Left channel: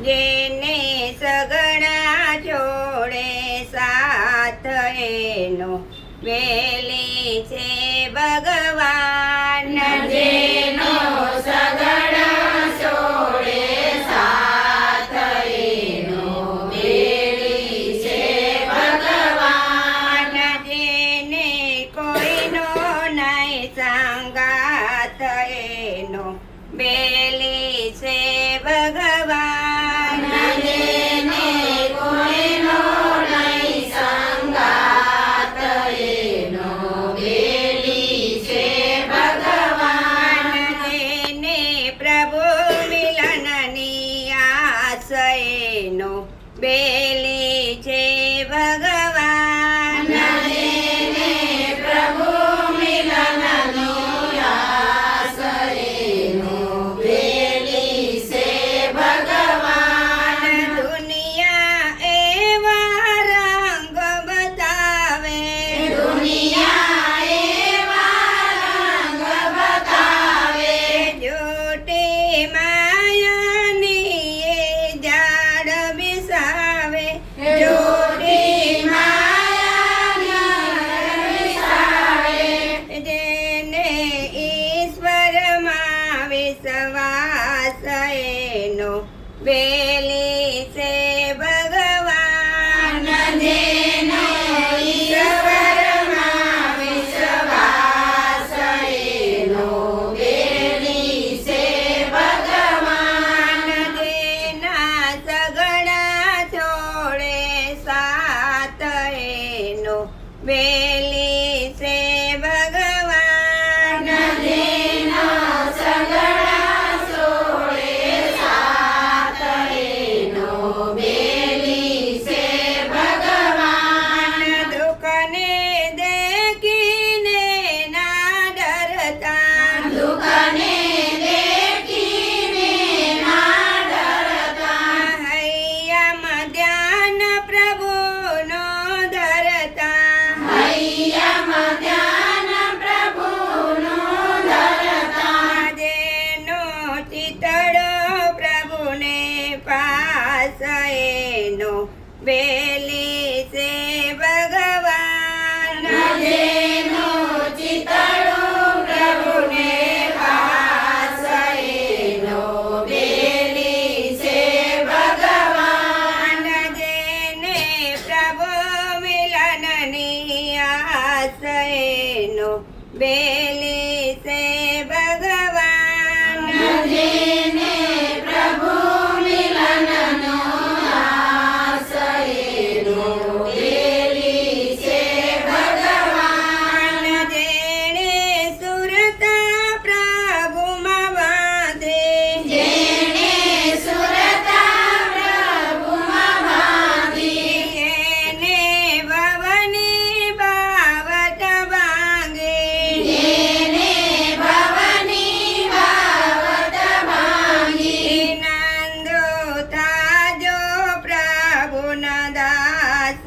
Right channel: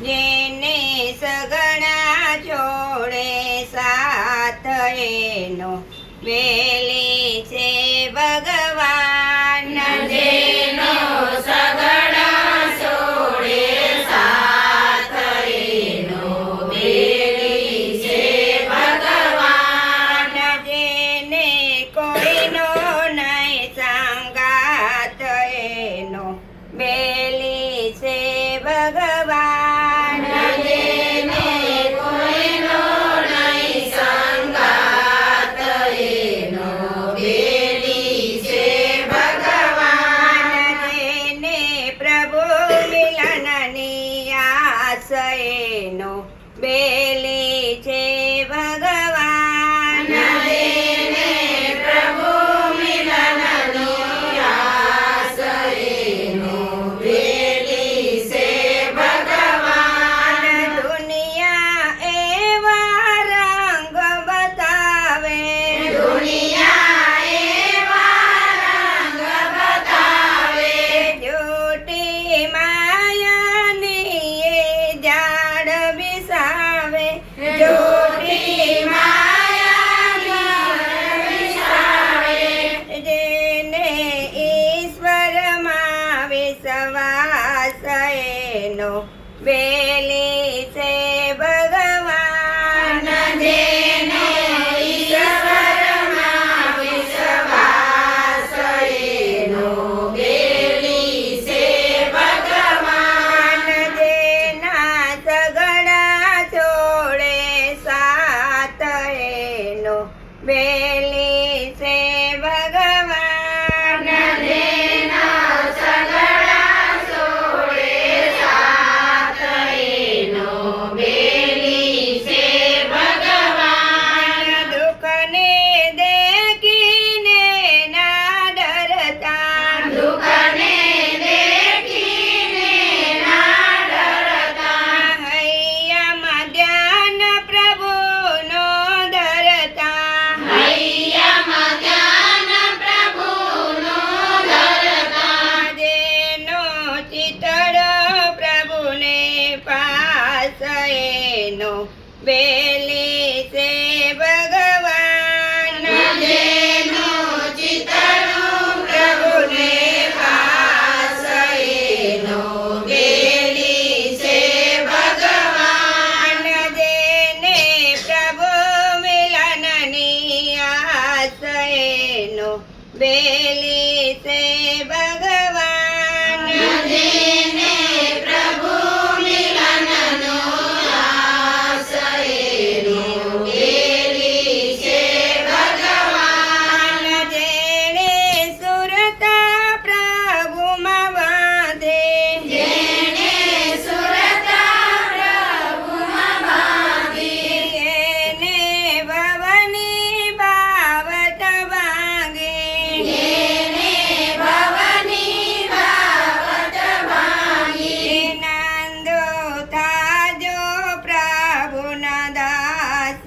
જેને સગણા જોડે સાથ એનો વેલી તો છે ભગવાન જેનો ભગવાન જેના સગડા છોડે સાત એનો વેલી છે ભગવાન. જેનું ચિતણું પ્રભુને પાસેનો વેલી ભગવાન. જેને પ્રભુ મિલનની આશયનો વેલી